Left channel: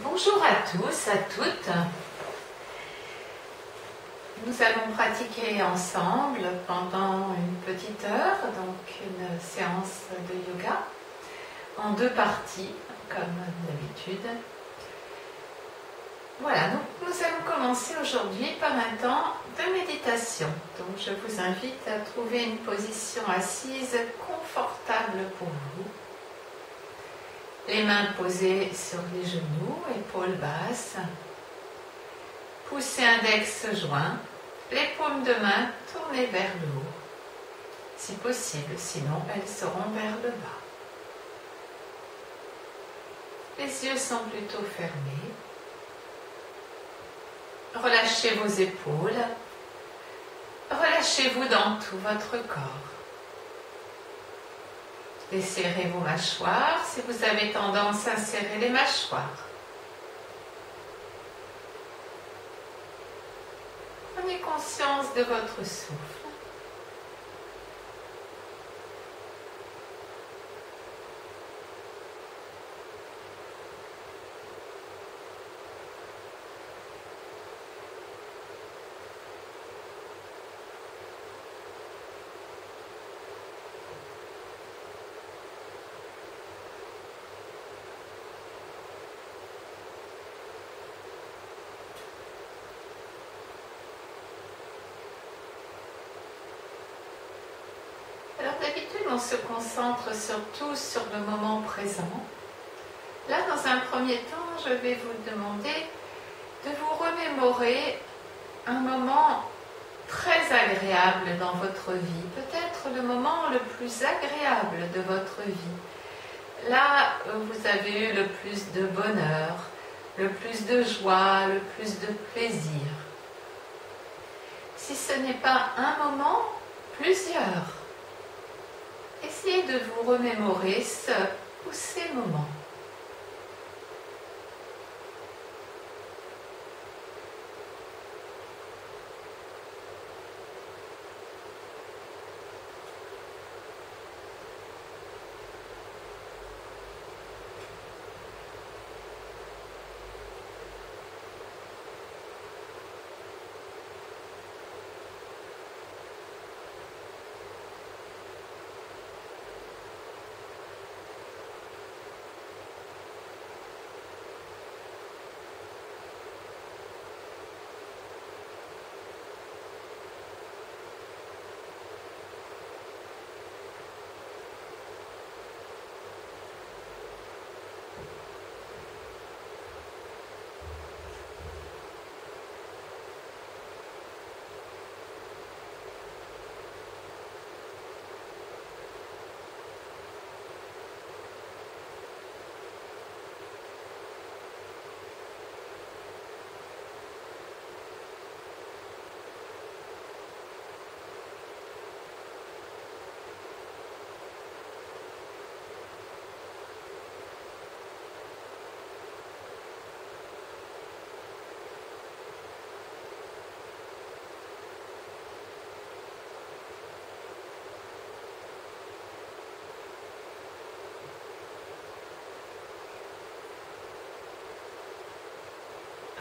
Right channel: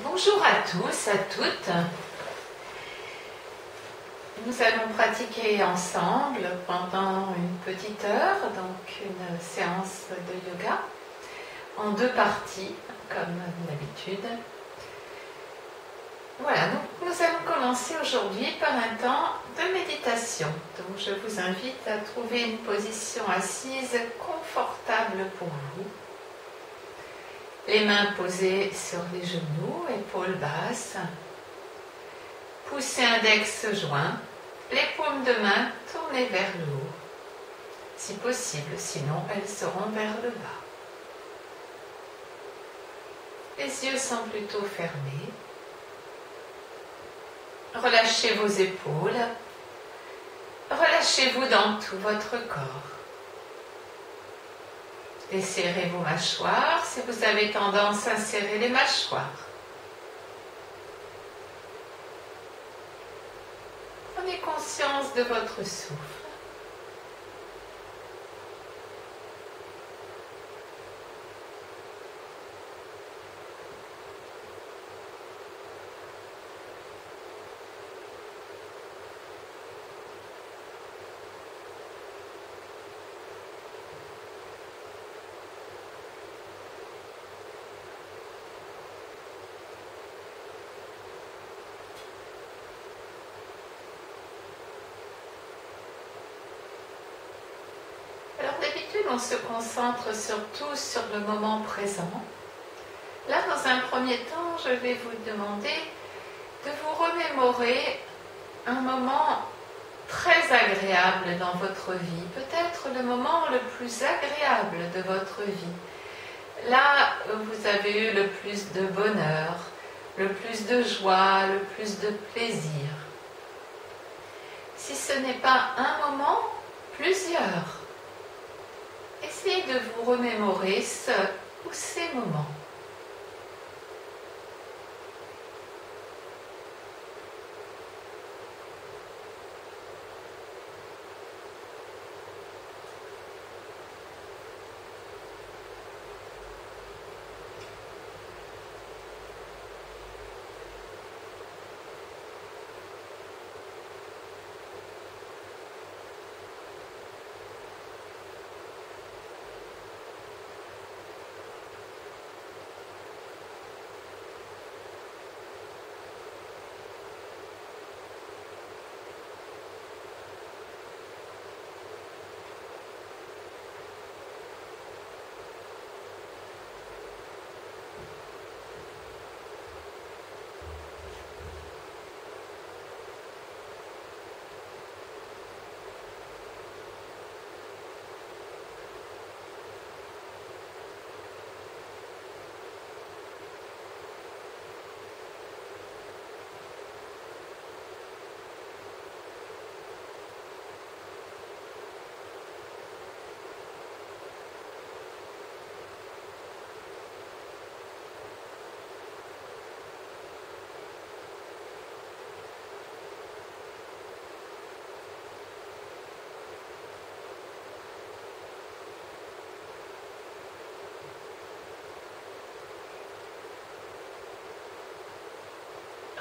Bonjour à tous, à toutes. Nous allons pratiquer ensemble pendant une petite heure, donc une séance de yoga en deux parties, comme d'habitude. Voilà, donc nous allons commencer aujourd'hui par un temps de méditation. Donc je vous invite à trouver une position assise confortable pour vous. Les mains posées sur les genoux, épaules basses. Poussez index joint, les paumes de main tournées vers le haut. Si possible, sinon elles seront vers le bas. Les yeux sont plutôt fermés. Relâchez vos épaules. Relâchez-vous dans tout votre corps. Desserrez vos mâchoires si vous avez tendance à serrer les mâchoires. Prenez conscience de votre souffle. Alors d'habitude, on se concentre surtout sur le moment présent. Là, dans un premier temps, je vais vous demander de vous remémorer un moment très agréable dans votre vie, peut-être le moment le plus agréable de votre vie. Là, vous avez eu le plus de bonheur, le plus de joie, le plus de plaisir. Si ce n'est pas un moment, plusieurs. Essayez de vous remémorer ce ou ces moments.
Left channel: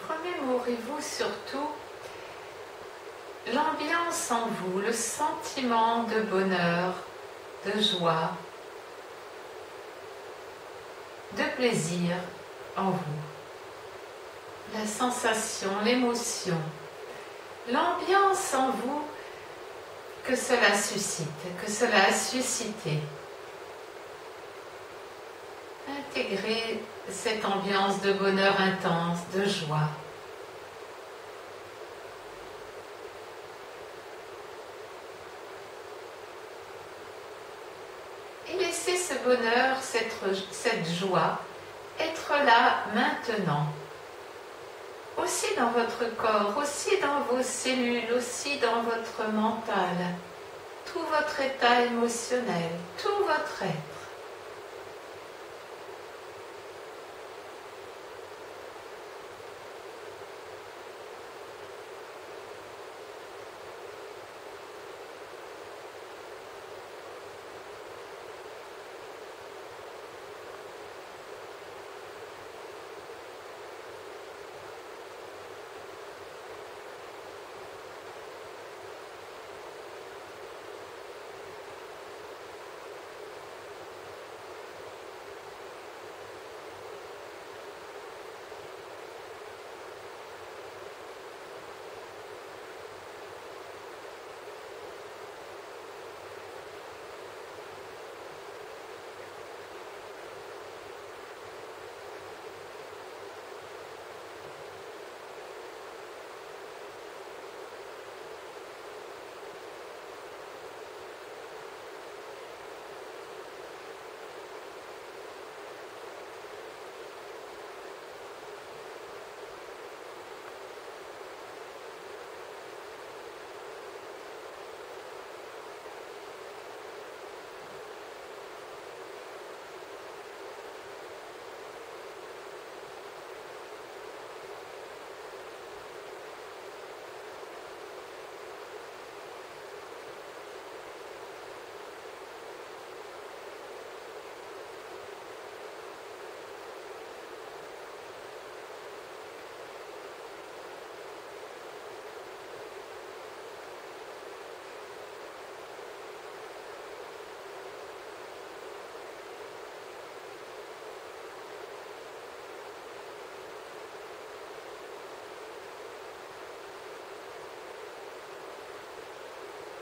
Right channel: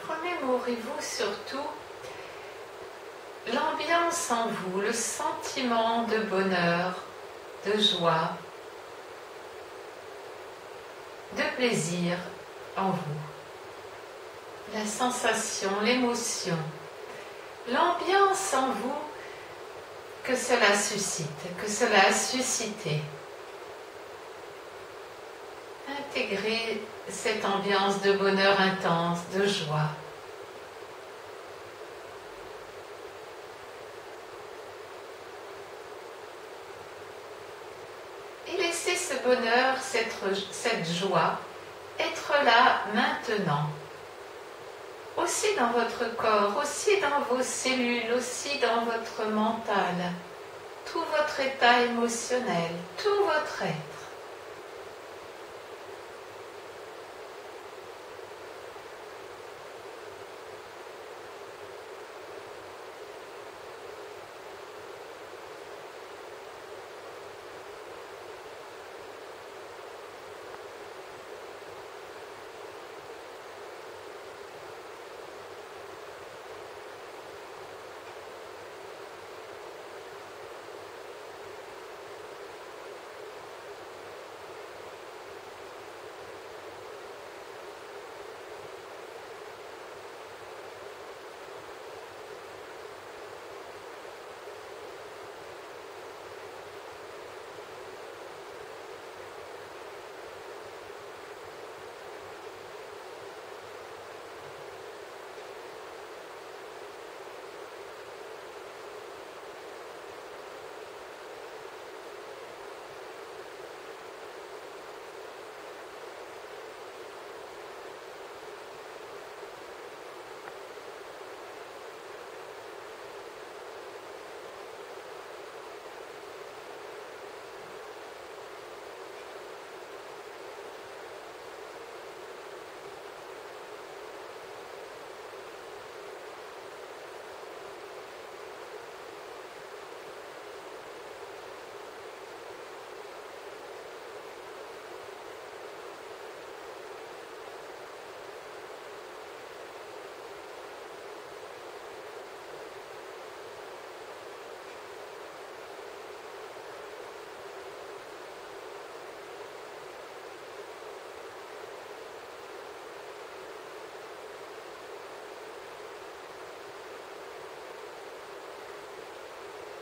Remémorez-vous surtout l'ambiance en vous, le sentiment de bonheur, de joie, de plaisir en vous. La sensation, l'émotion, l'ambiance en vous que cela suscite, que cela a suscité. Intégrez cette ambiance de bonheur intense, de joie. Et laissez ce bonheur, cette joie, être là maintenant. Aussi dans votre corps, aussi dans vos cellules, aussi dans votre mental, tout votre état émotionnel, tout votre être.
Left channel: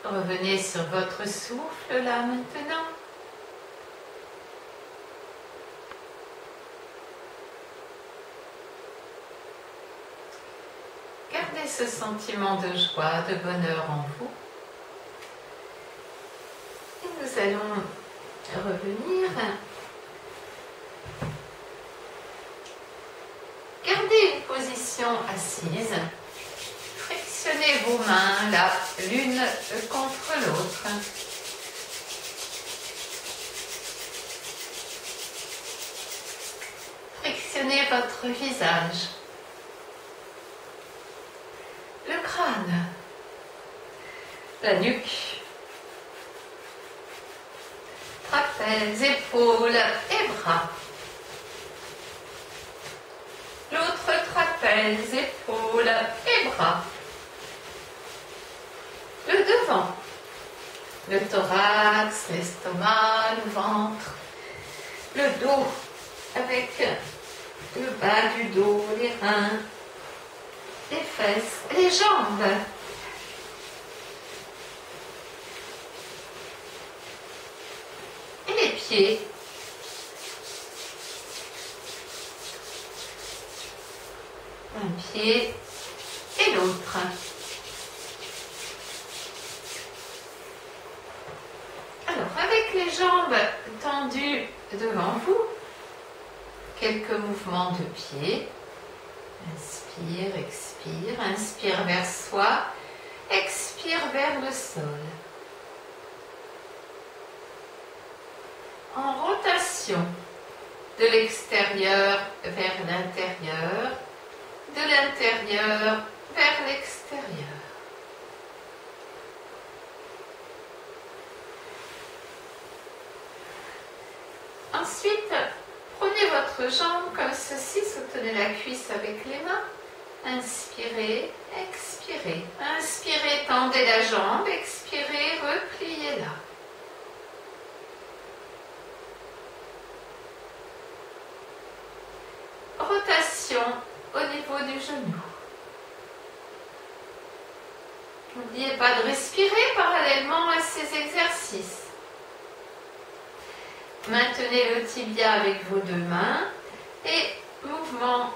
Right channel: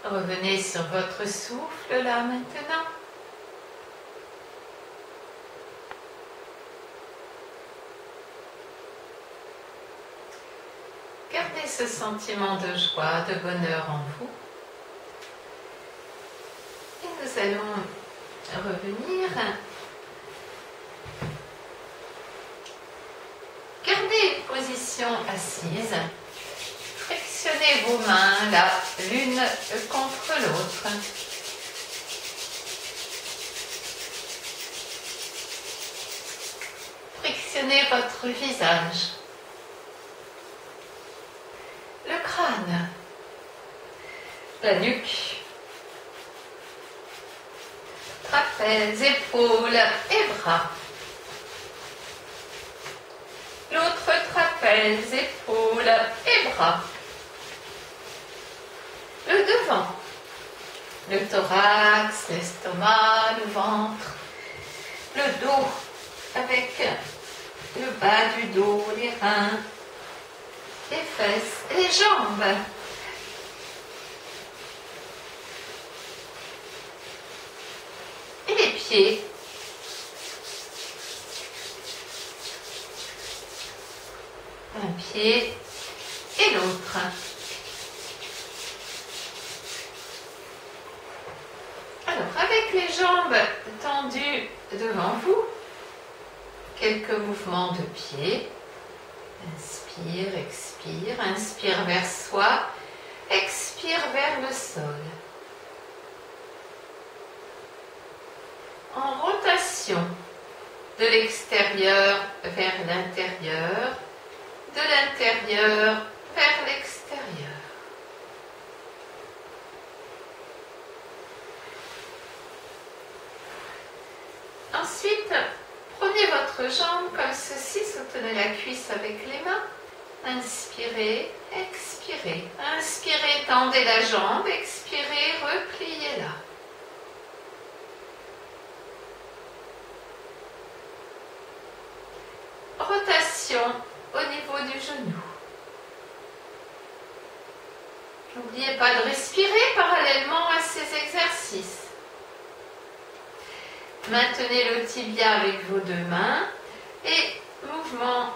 Revenez sur votre souffle là maintenant. Gardez ce sentiment de joie, de bonheur en vous. Et nous allons revenir. Gardez une position assise. Frictionnez vos mains là, l'une contre l'autre. Frictionnez votre visage. Le crâne. La nuque. Trapèzes, épaules et bras. L'autre trapèze, épaules et bras. Le devant. Le thorax, l'estomac, le ventre. Le dos avec le bas du dos, les reins, les fesses, les jambes. Et les pieds. Un pied et l'autre. Alors, avec les jambes tendues devant vous, quelques mouvements de pied. Inspire, expire, inspire vers soi, expire vers le sol. En rotation, de l'extérieur vers l'intérieur, de l'intérieur vers l'extérieur. Ensuite, prenez votre jambe comme ceci, soutenez la cuisse avec les mains. Inspirez, expirez. Inspirez, tendez la jambe, expirez, repliez-la. Rotation au niveau du genou. N'oubliez pas de respirer parallèlement à ces exercices. Maintenez le tibia avec vos deux mains et mouvement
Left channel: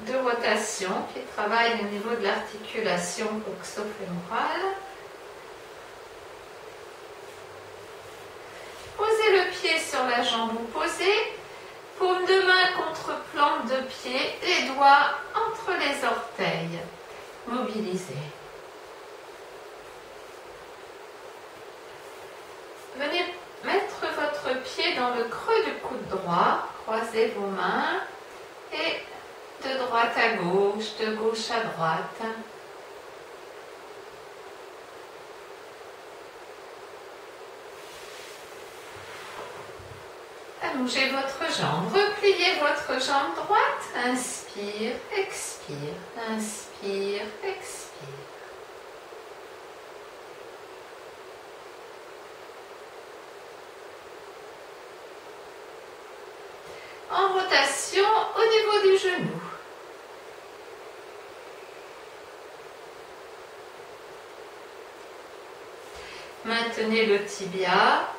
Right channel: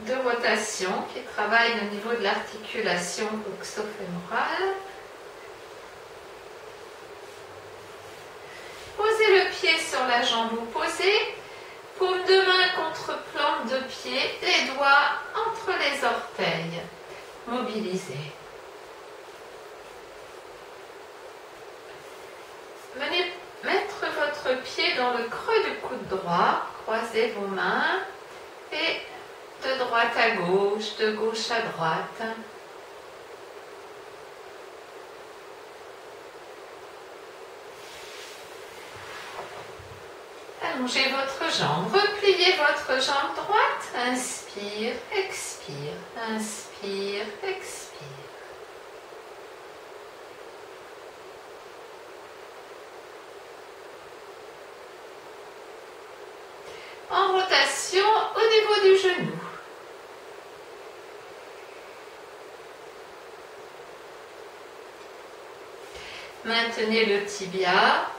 de rotation qui travaille au niveau de l'articulation coxo-fémorale. Posez le pied sur la jambe opposée, paume de main contre plante de pied, les doigts entre les orteils. Mobilisez. Venez mettre votre pied dans le creux du coude droit, croisez vos mains et de droite à gauche, de gauche à droite. Allongez votre jambe, repliez votre jambe droite, inspire, expire, inspire, expire. En rotation au niveau du genou. Maintenez le tibia,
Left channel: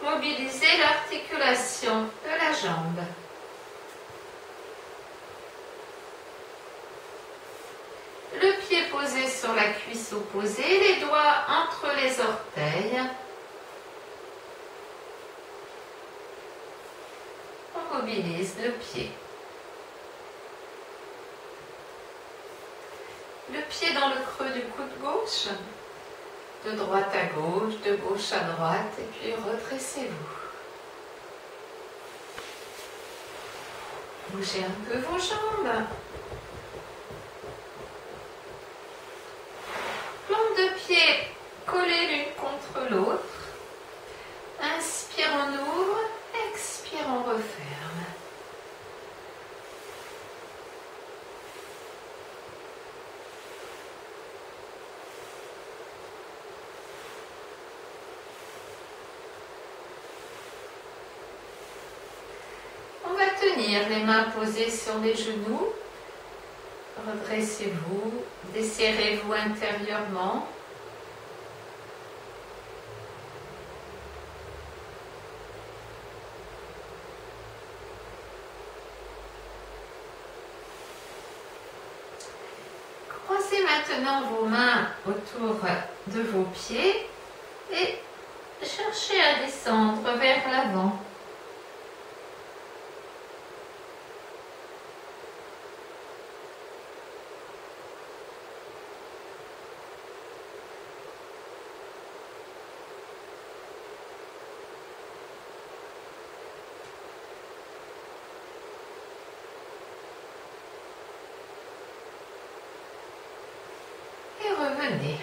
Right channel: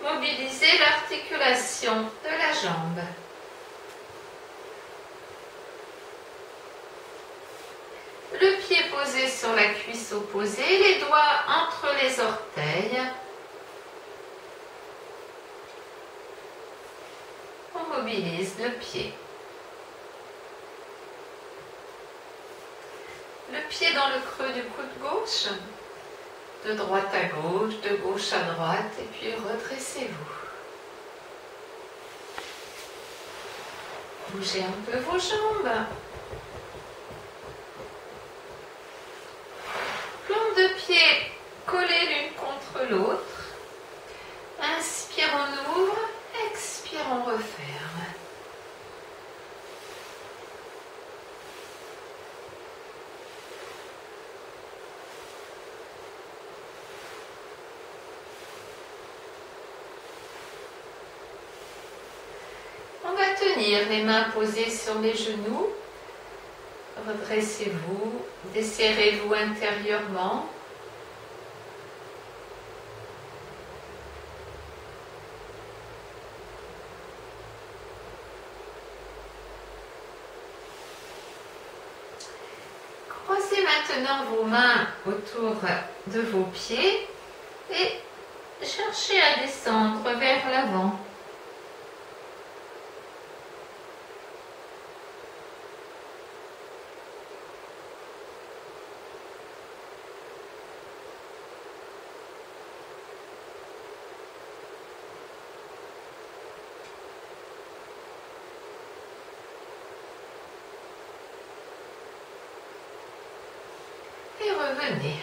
mobilisez l'articulation de la jambe. Le pied posé sur la cuisse opposée, les doigts entre les orteils. On mobilise le pied. Le pied dans le creux du coude gauche. De droite à gauche, de gauche à droite, et puis redressez-vous. Bougez un peu vos jambes. Plante de pied collées l'une contre l'autre. Inspire, on ouvre, expire, on referme. Tenir les mains posées sur les genoux, redressez-vous, desserrez-vous intérieurement, maintenant vos mains autour de vos pieds et cherchez à descendre vers l'avant. Et revenez.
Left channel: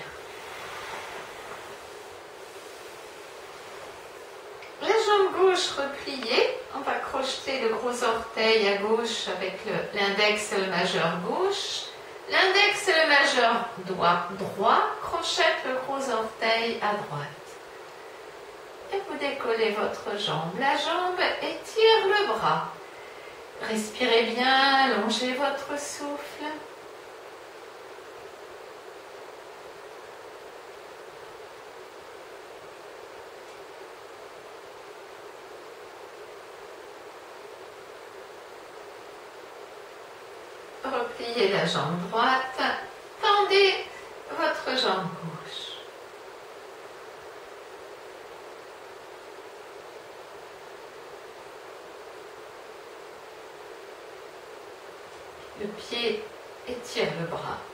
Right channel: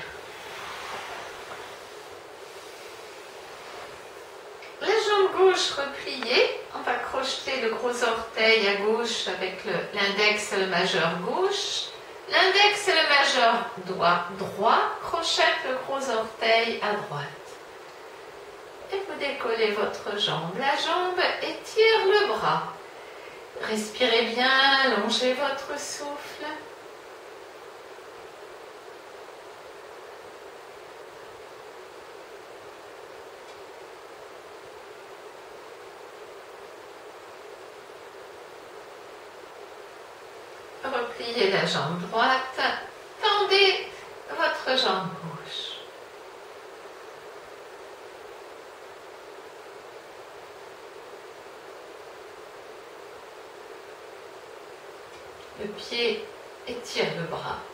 La jambe gauche repliée, on va crocheter le gros orteil à gauche avec l'index et le majeur gauche. L'index et le majeur droit crochette le gros orteil à droite. Et vous décollez votre jambe, la jambe étire le bras. Respirez bien, allongez votre souffle. Repliez la jambe droite, tendez votre jambe gauche. Le pied étire le bras.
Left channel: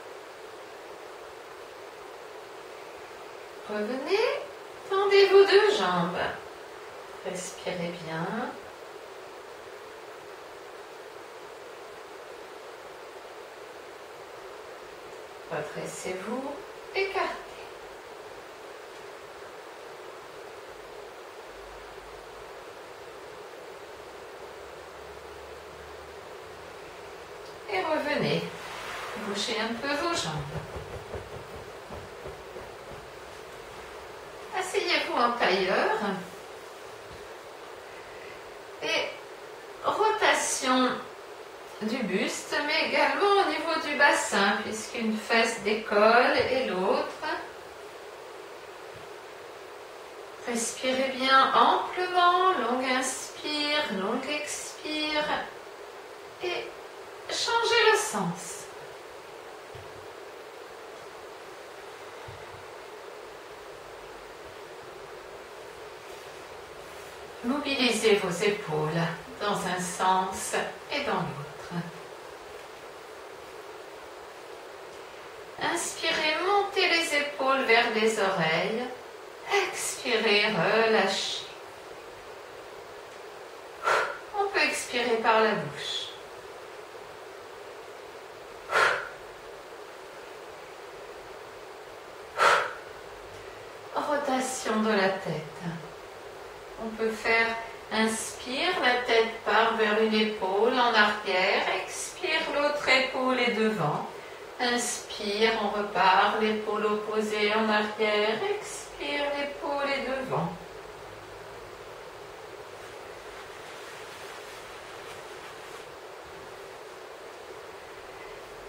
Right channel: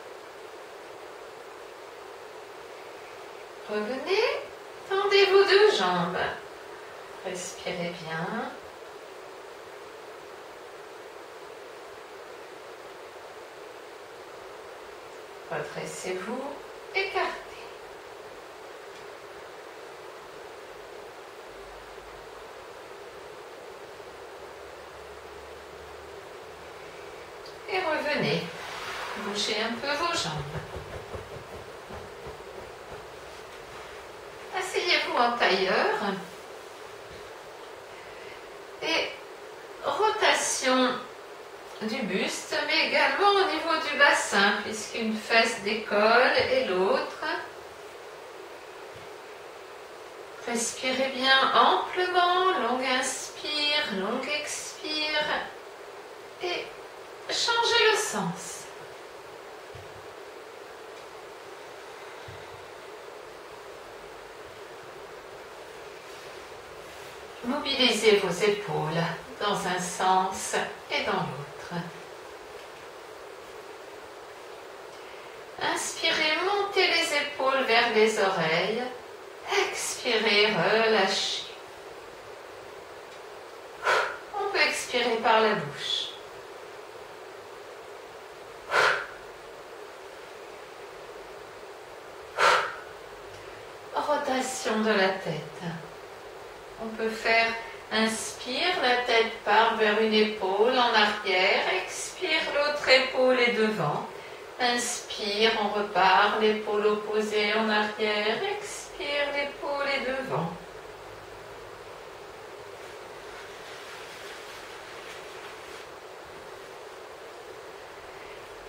Revenez, tendez vos deux jambes. Respirez bien. Redressez-vous, écartez. Et revenez. Bougez un peu vos jambes. Asseyez-vous en tailleur. Et rotation du buste, mais également au niveau du bassin, puisqu'une fesse décolle et l'autre. Respirez bien amplement, longue inspire, longue expire, et changez le sens. Mobilisez vos épaules dans un sens et dans l'autre. Inspirez, montez les épaules vers les oreilles. Expirez, relâchez. On peut expirer par la bouche. Rotation de la tête. On peut faire inspire, la tête part vers une épaule en arrière. Expire, l'autre épaule est devant. Inspire, on repart, l'épaule opposée en arrière. Expire, l'épaule est devant.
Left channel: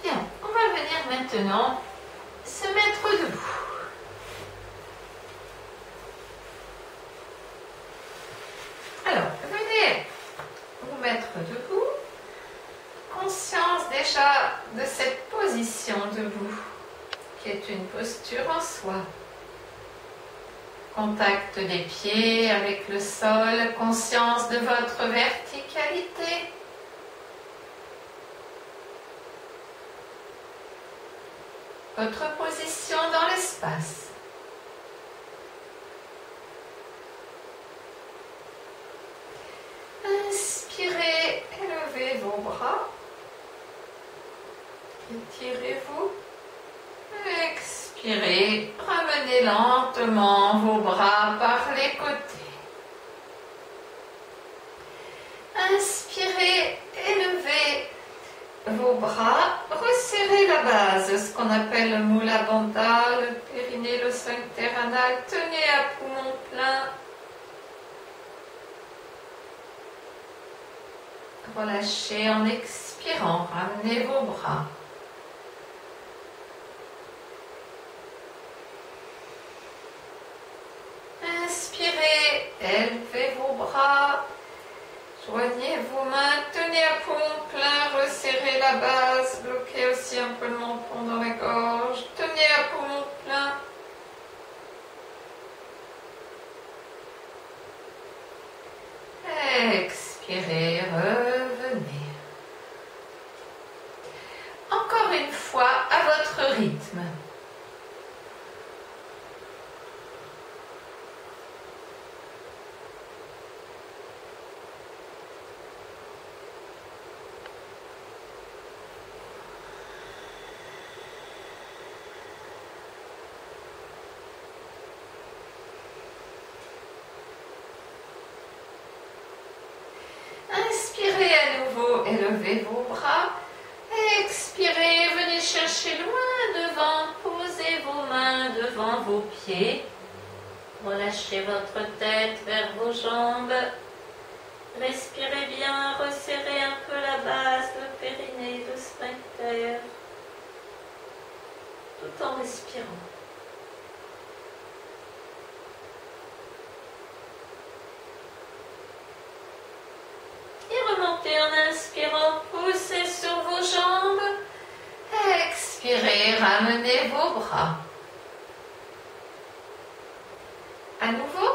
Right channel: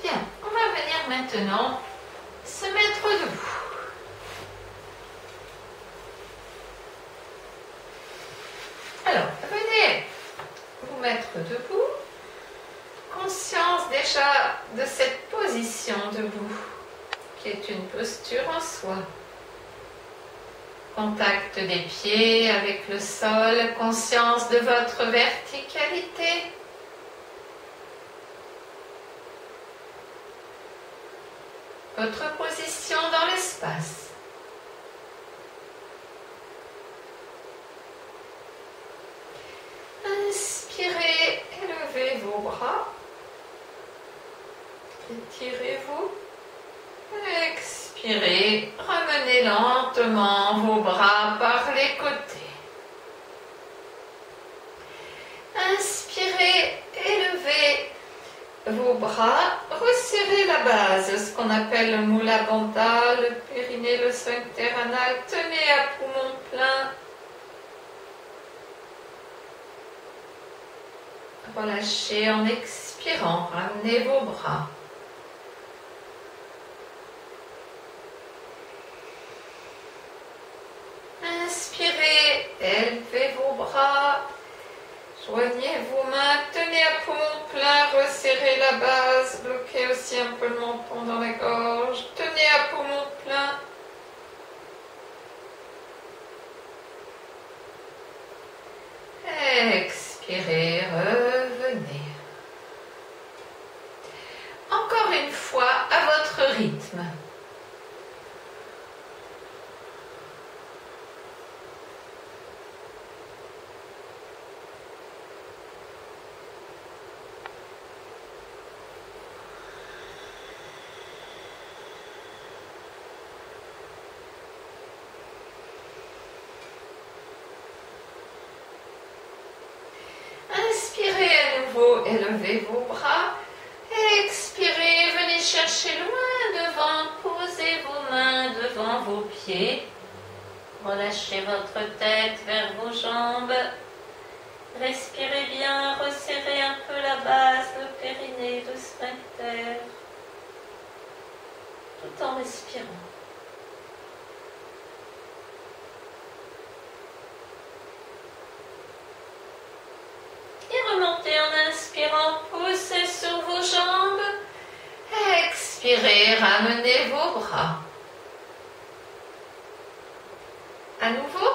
Bien, on va venir maintenant se mettre debout. Alors, venez vous mettre debout. Conscience déjà de cette position debout, qui est une posture en soi. Contact des pieds avec le sol, conscience de votre verticalité. Votre position dans l'espace. Inspirez, élevez vos bras. Étirez-vous. Expirez, ramenez lentement vos bras par les côtés. Inspirez, élevez vos bras, resserrez la base, ce qu'on appelle le Mula Bandha, le périnée, le sphincter anal. Tenez à poumon plein. Relâchez en expirant, ramenez vos bras. Inspirez, élevez vos bras, joignez vos mains, tenez à poumon plein, resserrez la base, bloquez aussi un peu le menton dans la gorge. fois à votre rythme. Inspirez à nouveau, élevez vos bras. Expirez, venez chercher loin devant, posez vos mains devant vos pieds. Relâchez votre tête vers vos jambes. Respirez bien, resserrez un peu la base, le périnée, le sphincter, tout en respirant. Et remontez en inspirant, poussez sur vos jambes. Expirez, ramenez vos bras. À nouveau,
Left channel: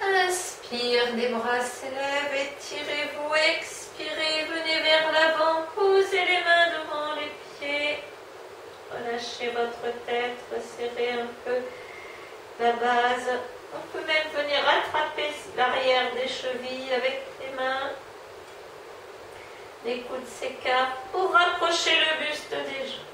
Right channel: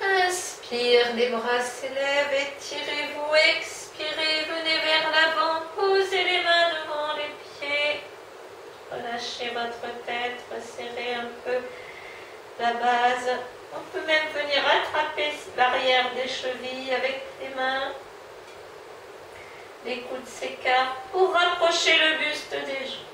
inspire, les bras s'élèvent, étirez-vous, expirez, venez vers l'avant, posez les mains devant les pieds. Relâchez votre tête, resserrez un peu la base. On peut même venir attraper l'arrière des chevilles avec les mains. Les coudes s'écartent pour rapprocher le buste des jambes.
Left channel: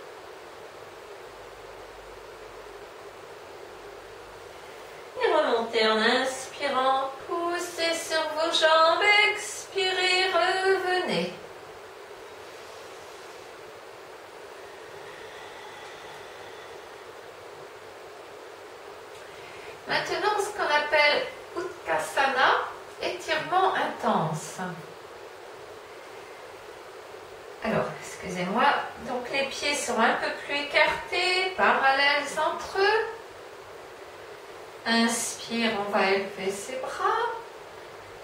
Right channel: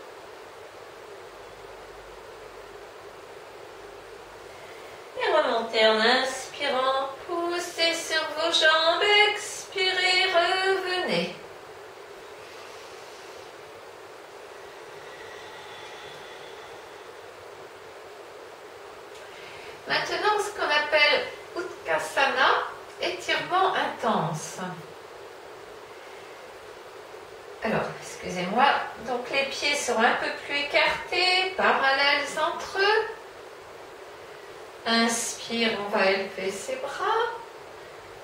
Et remontez en inspirant, poussez sur vos jambes, expirez, revenez. Maintenant, ce qu'on appelle Utkatasana, étirement intense. Alors, excusez-moi, donc les pieds seront un peu plus écartés, parallèles entre eux. Inspire, on va élever ses bras.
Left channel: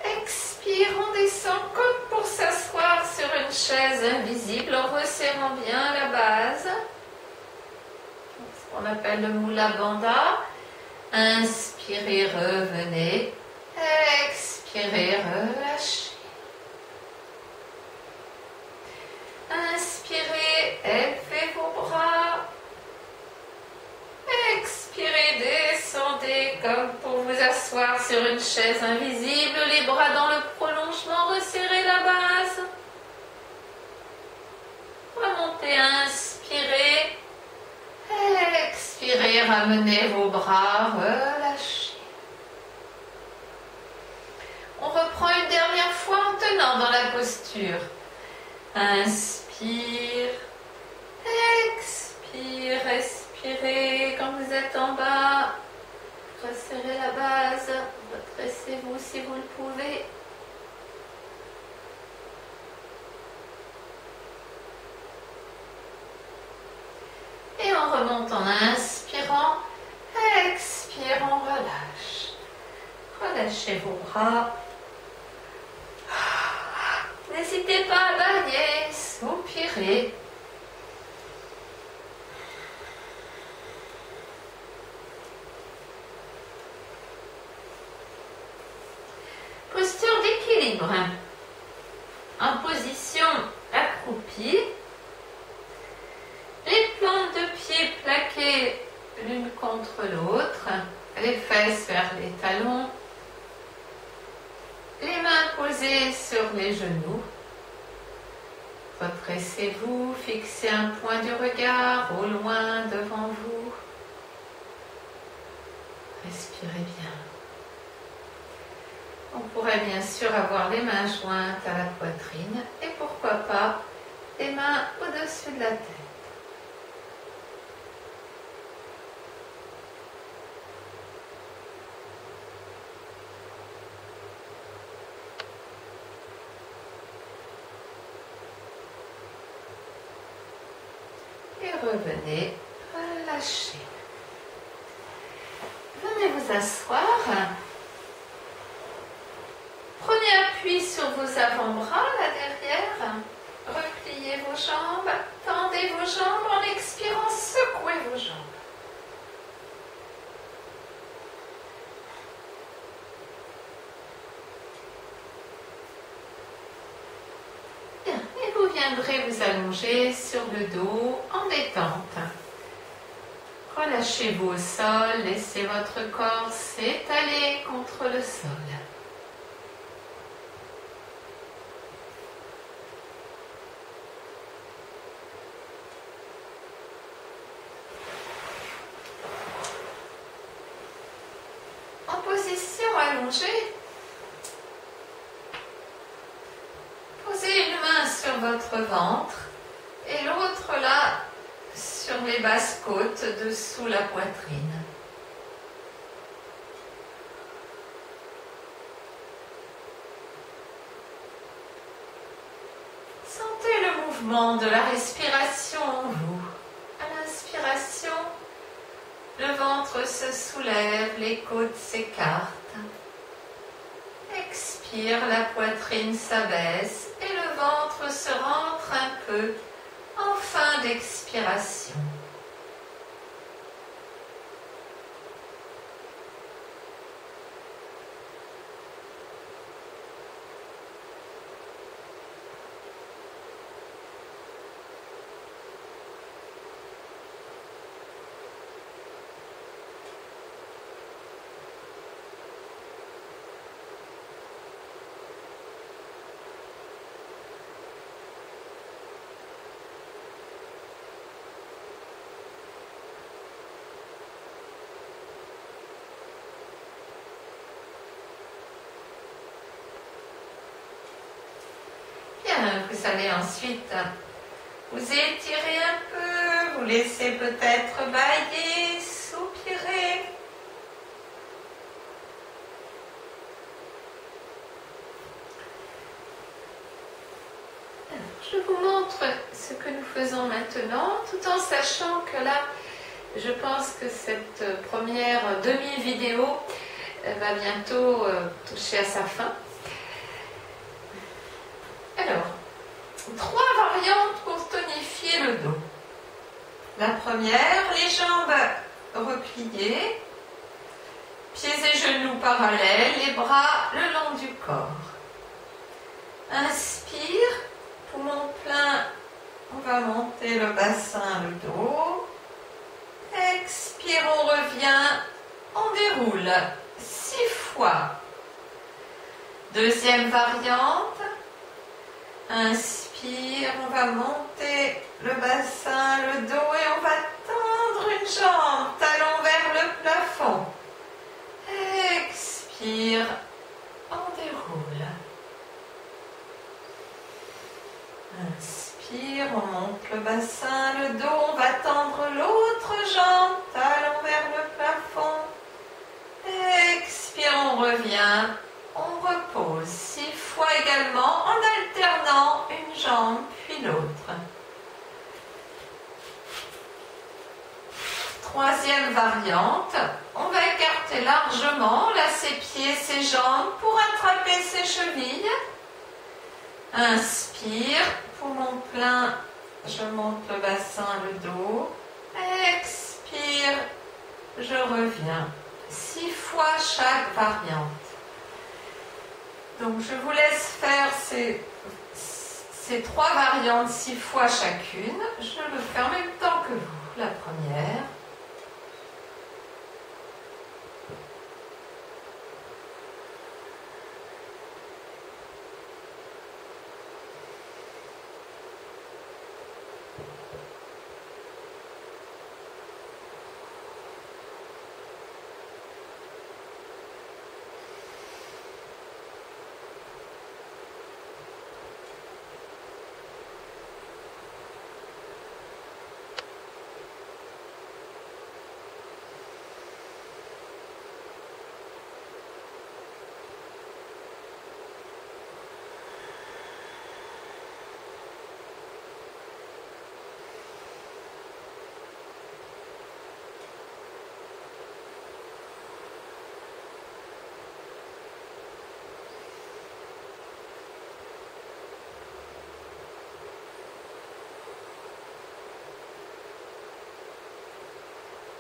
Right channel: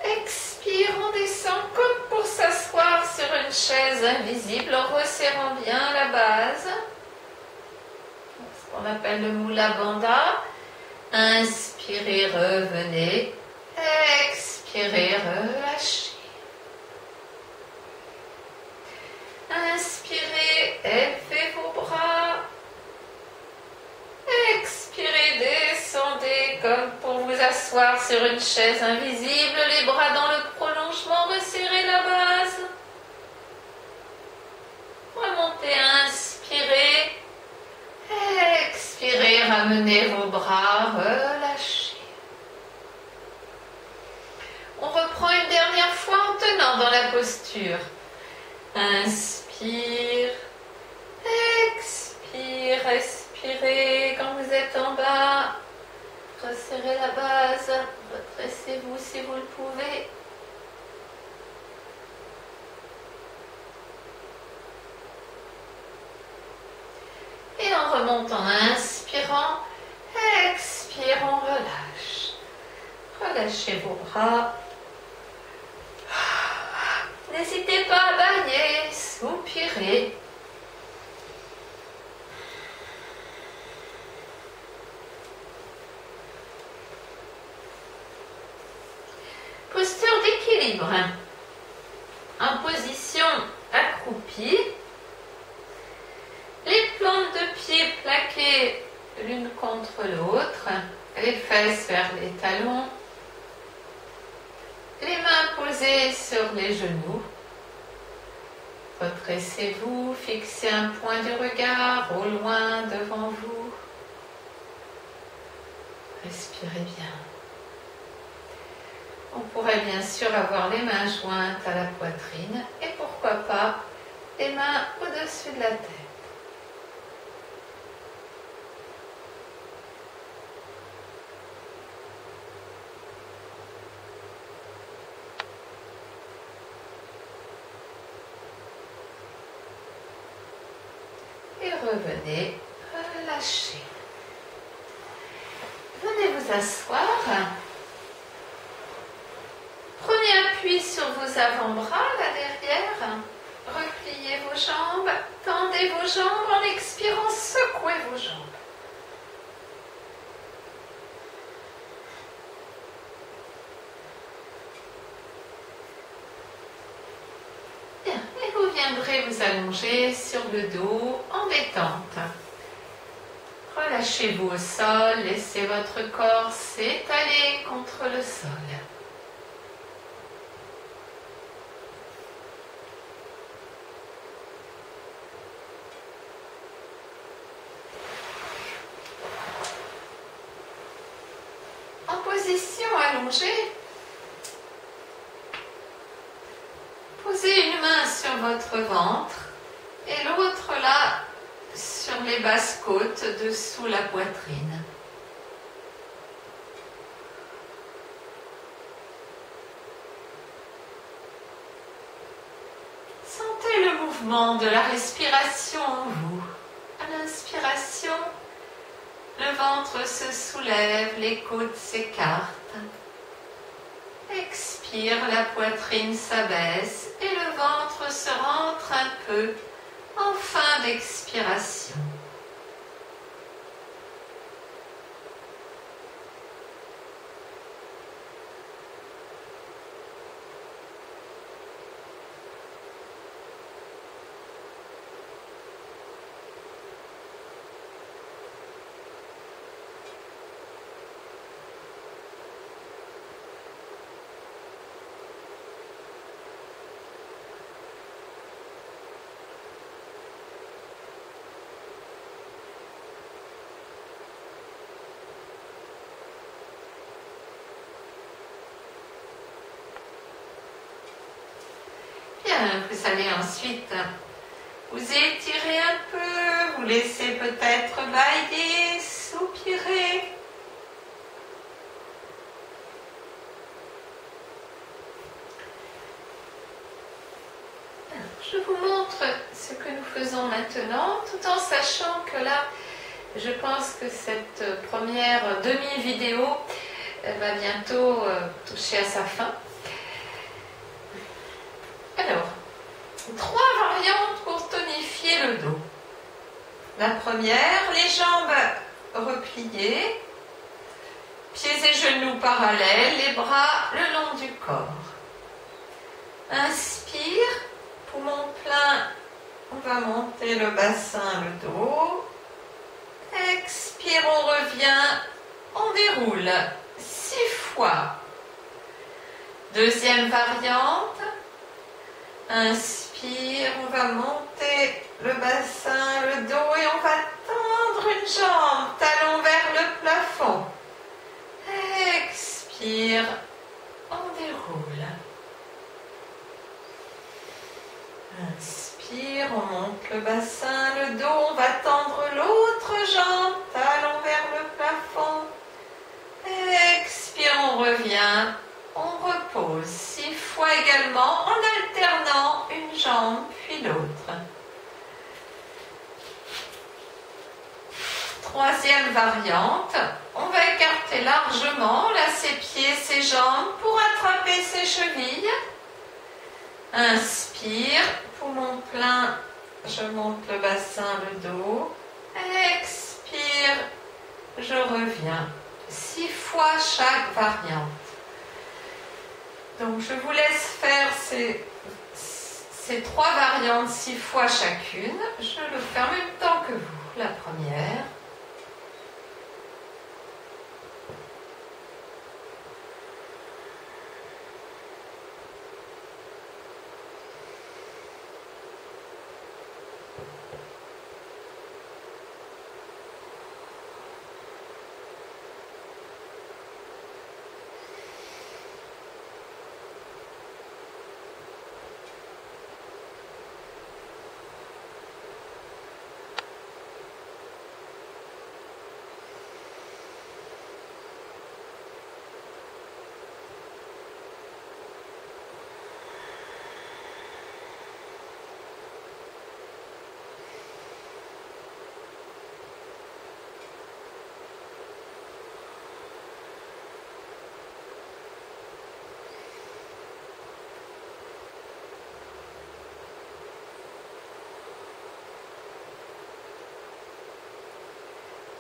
Expire, on descend comme pour s'asseoir sur une chaise invisible, en resserrant bien la base. Ce qu'on appelle le Mula Bandha. Inspirez, revenez. Expirez, relâchez. Inspirez, élevez vos bras. Expirez, descendez comme pour vous asseoir sur une chaise invisible, les bras dans le prolongement, resserrez la base. Remontez, inspirez. Expirez, ramenez vos bras, relâchez. On reprend une dernière fois en tenant dans la posture. Inspire, expire, respirez quand vous êtes en bas. Resserrez la base, redressez-vous si vous le pouvez. Et on remonte en inspirant, expire, on relâche. Relâchez vos bras. N'hésitez pas à bailler, soupirer. Posture d'équilibre. En position accroupie. Les plantes de pied plaquées l'une contre l'autre. Les fesses vers les talons. Les mains posées sur les genoux. Redressez-vous, fixez un point du regard au loin devant vous. Respirez bien. On pourrait bien sûr avoir les mains jointes à la poitrine et pourquoi pas les mains au-dessus de la tête. Et revenez, relâchez. Venez vous asseoir. Prenez appui sur vos avant-bras, là derrière. Repliez vos jambes, tendez vos jambes en expirant, secouez vos jambes. Bien, et vous viendrez vous allonger allongé sur le dos en détente. Relâchez-vous au sol, laissez votre corps s'étaler contre le sol. En position allongée, posez une main sur votre ventre et l'autre là sur les basses côtes dessous la poitrine. Sentez le mouvement de la respiration en vous. À l'inspiration, le ventre se soulève, les côtes s'écartent. Expire, la poitrine s'abaisse et le ventre se rentre un peu en fin d'expiration. Bien, vous allez ensuite vous étirer un peu, vous laissez peut-être bâiller, soupirer. Alors, je vous montre ce que nous faisons maintenant, tout en sachant que là, je pense que cette première demi-vidéo va bientôt toucher à sa fin. Alors, 3 variantes pour tonifier le dos. La première, les jambes repliées, pieds et genoux parallèles, les bras le long du corps. Inspire, poumon plein, on va monter le bassin, le dos. Expire, on revient, on déroule 6 fois. Deuxième variante. Inspire, on va monter le bassin, le dos et on va tendre une jambe, talon vers le plafond. Expire, on déroule. Inspire, on monte le bassin, le dos, on va tendre l'autre jambe, talon vers le plafond. Expire, on revient. On repose 6 fois également en alternant une jambe puis l'autre. Troisième variante, on va écarter largement là ses pieds, ses jambes pour attraper ses chevilles. Inspire, poumon plein, je monte le bassin, le dos. Expire, je reviens. 6 fois chaque variante. Donc je vous laisse faire ces 3 variantes 6 fois chacune. Je le fais en même temps que vous. La première.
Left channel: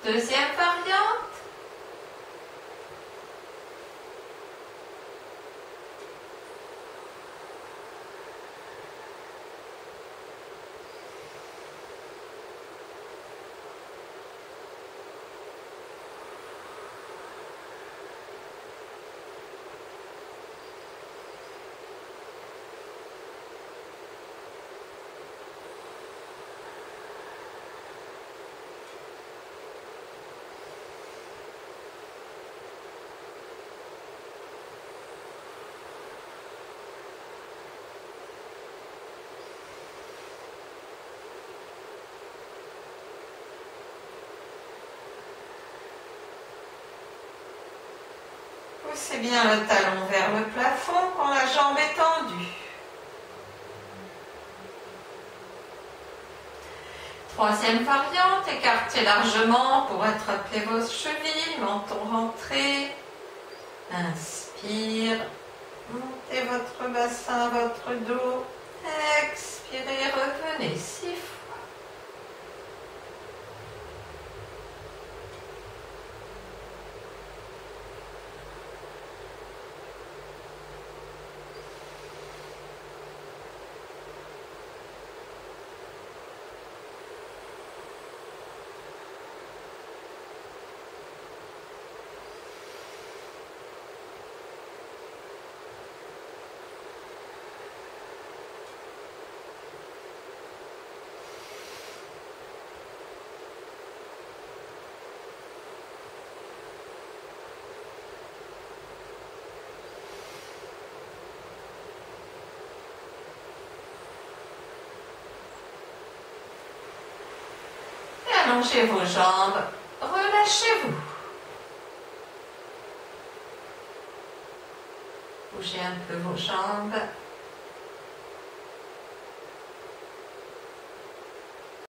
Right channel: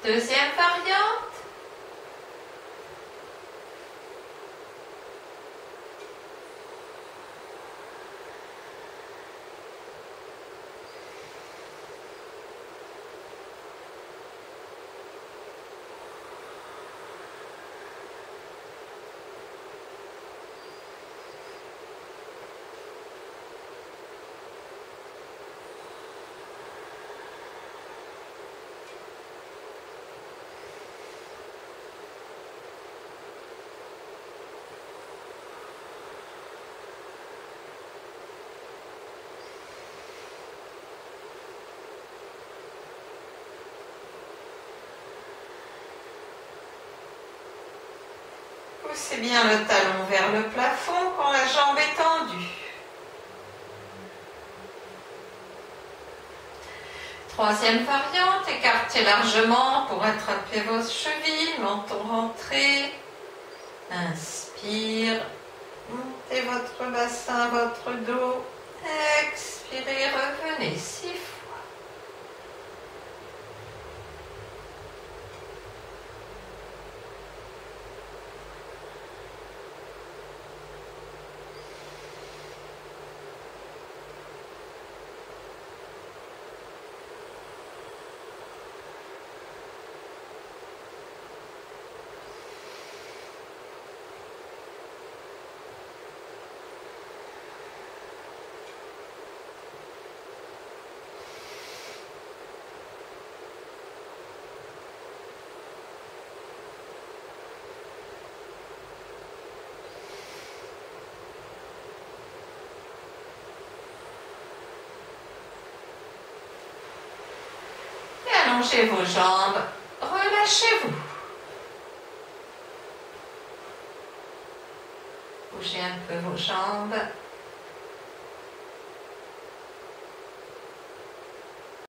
Deuxième variante. Poussez bien le talon vers le plafond quand la jambe est tendue. Troisième variante, écartez largement pour attraper vos chevilles, menton rentré. Inspire, montez votre bassin, votre dos. Expirez, revenez 6 fois. Allongez vos jambes, relâchez-vous. Bougez un peu vos jambes.